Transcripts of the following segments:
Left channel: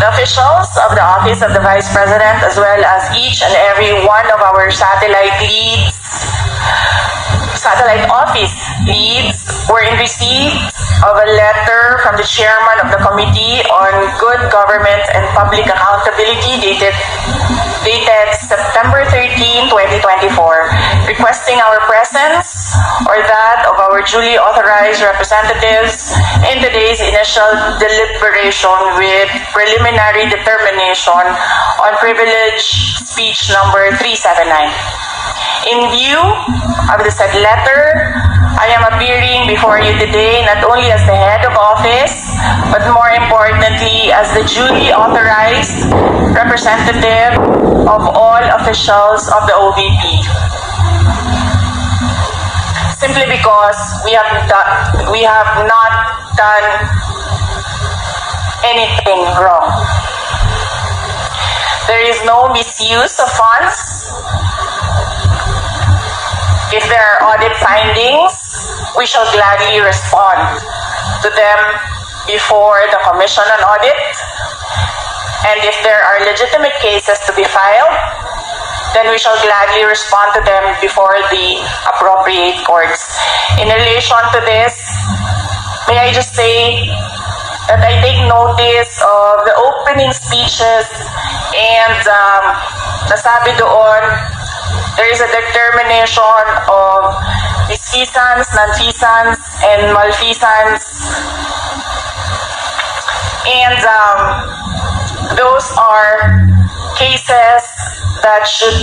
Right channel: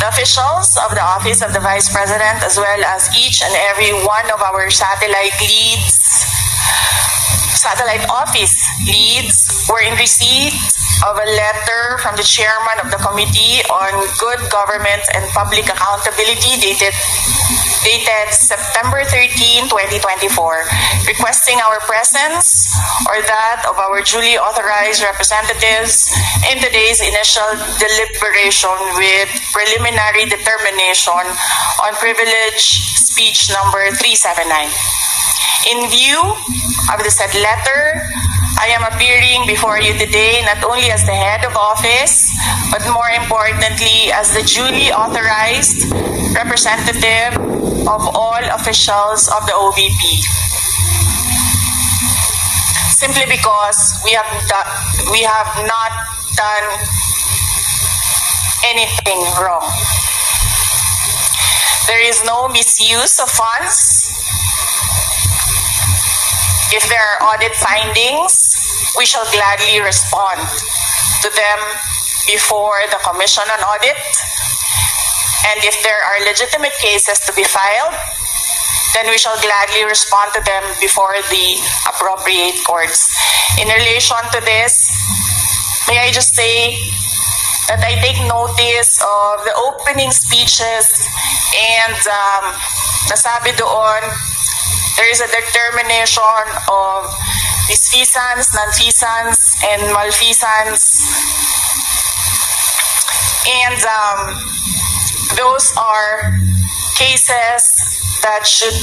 The officials of the Office of the Vice President, as well as each and every one of our satellite office leads, were in receipt of a letter from the chairman of the Committee on Good Government and Public Accountability dated September 13, 2024, requesting our presence or that of our duly authorized representatives in today's initial deliberation with preliminary determination on privilege speech number 379. In view of the said letter, I am appearing before you today not only as the head of office, but more importantly as the duly authorized representative of all officials of the OVP. Simply because we have not done anything wrong. There is no misuse of funds. If there are audit findings, we shall gladly respond to them before the Commission on Audit. And if there are legitimate cases to be filed, then we shall gladly respond to them before the appropriate courts. In relation to this, may I just say that I take notice of the opening speeches and nasabi doon, there is a determination of misfeasance, nonfeasance, and malfeasance. And those are cases that should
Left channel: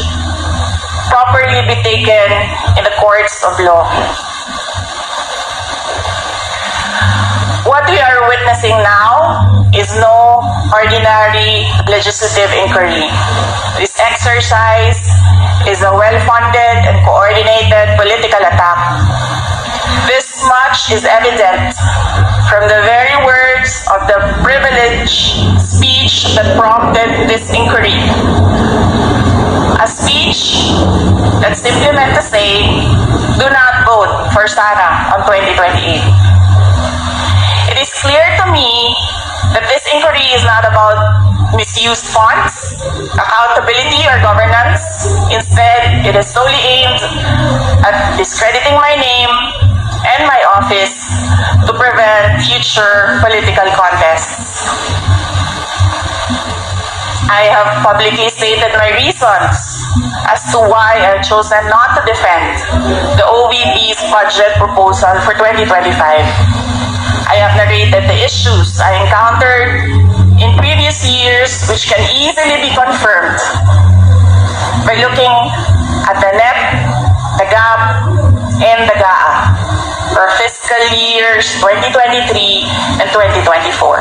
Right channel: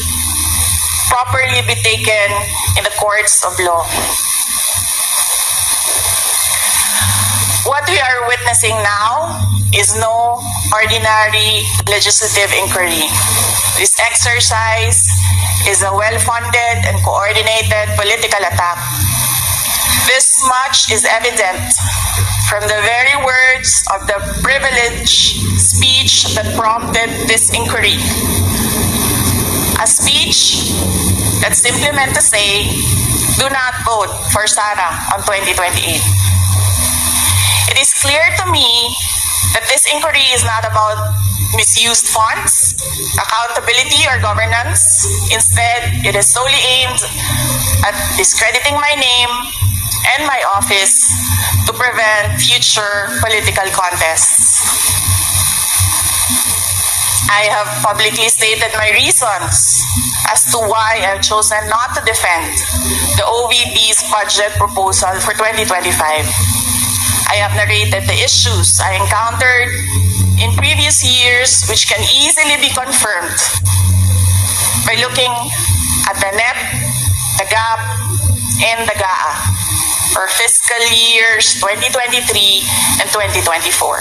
properly be taken in the courts of law. What we are witnessing now is no ordinary legislative inquiry. This exercise is a well-funded and coordinated political attack. This much is evident from the very words of the privileged speech that prompted this inquiry. A speech that simply meant to say, do not vote for Sara on 2028. It is clear to me that this inquiry is not about misused funds, accountability, or governance. Instead, it is solely aimed at discrediting my name and my office to prevent future political contests. I have publicly stated my reasons as to why I've chosen not to defend the OVP's budget proposal for 2025. I have narrated the issues I encountered in previous years, which can easily be confirmed by looking at the NEP, the GAP, and the GAA for fiscal years 2023 and 2024.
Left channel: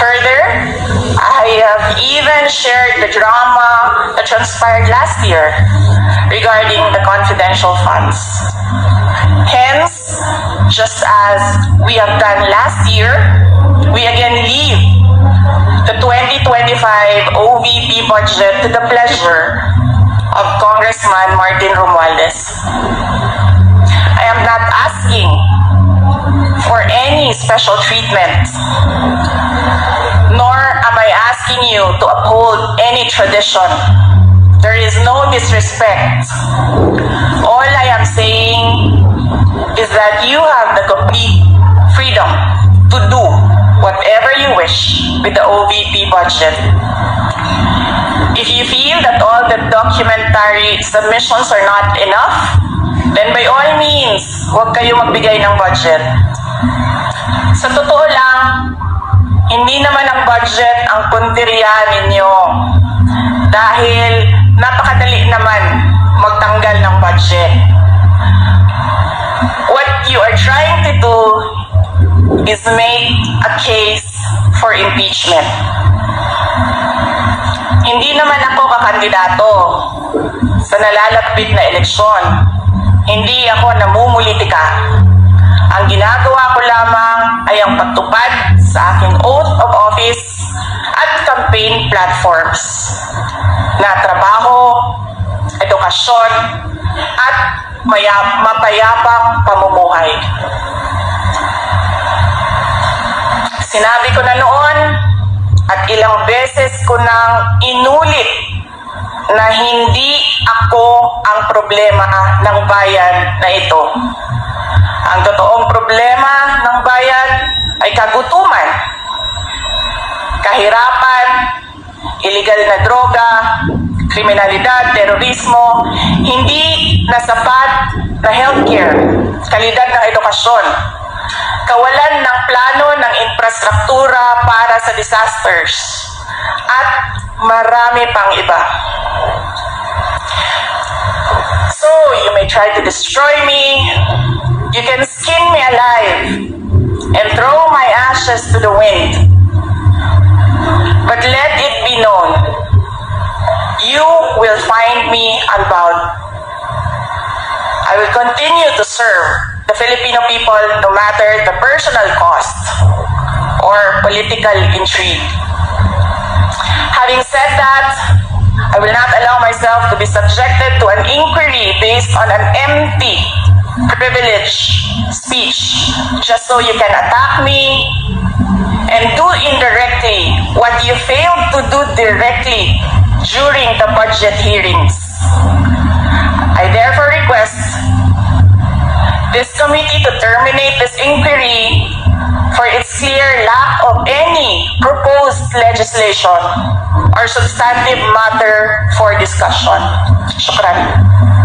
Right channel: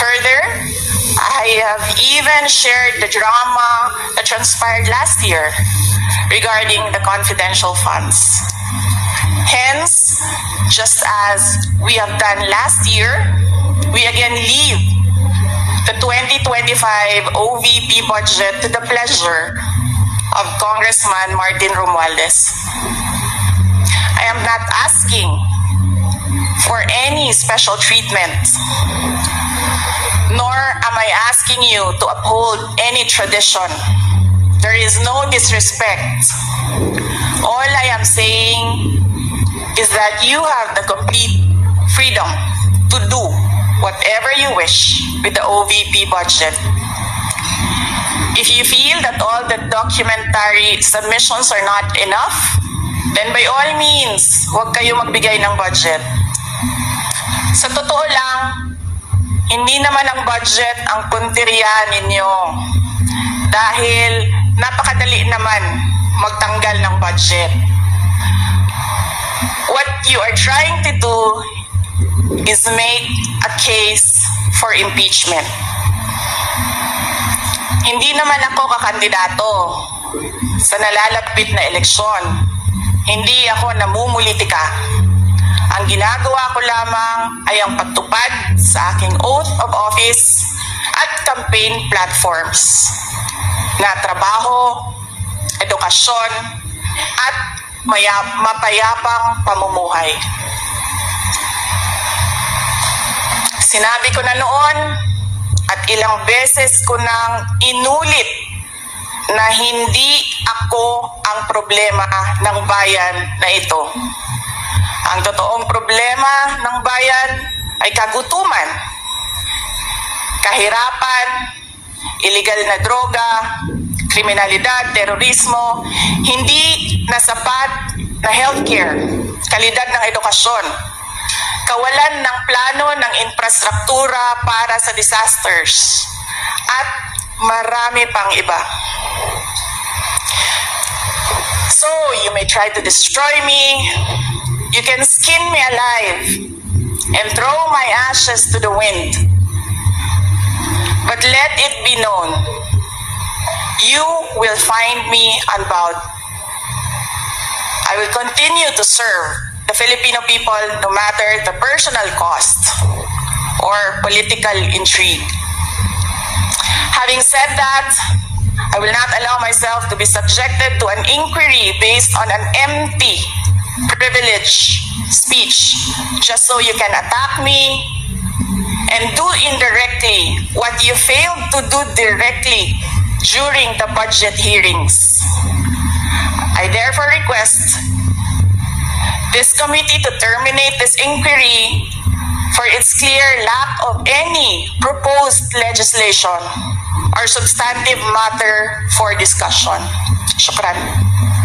Further, I have even shared the drama that transpired last year regarding the confidential funds. Hence, just as we have done last year, we again leave the 2025 OVP budget to the pleasure of Congressman Martin Romualdez. I am not asking for any special treatment, nor am I asking you to uphold any tradition. There is no disrespect. All I am saying is that you have the complete freedom to do whatever you wish with the OVP budget. If you feel that all the documentary submissions are not enough, then by all means, huwag kayo magbigay ng budget. Sa totoo lang, hindi naman ang budget ang punteriya ninyo. Dahil napakadali naman magtanggal ng budget. What you are trying to do is make a case for impeachment. Hindi naman ako kakandidato sa nalalapit na eleksyon. Hindi ako namumulitika. Ang ginagawa ko lamang ay ang pagtupad sa aking oath of office at campaign platforms na trabaho, edukasyon, at mapayapang pamumuhay. Sinabi ko na noon at ilang ilang beses ko nang inulit na hindi ako ang problema ng bayan na ito. Ang totoong problema ng bayan ay kagutuman, kahirapan, illegal na droga, kriminalidad, terorismo, hindi na sapat na healthcare, kalidad ng edukasyon, kawalan ng plano ng infrastruktura para sa disasters, at marami pang iba. So, you may try to destroy me, you can skin me alive, and throw my ashes to the wind. But let it be known, you will find me unbound. I will continue to serve the Filipino people no matter the personal cost or political intrigue. Having said that, I will not allow myself to be subjected to an inquiry based on an empty, privileged speech just so you can attack me and do indirectly what you failed to do directly during the budget hearings. I therefore request this committee to terminate this inquiry for its clear lack of any proposed legislation or substantive matter for discussion. Shukran.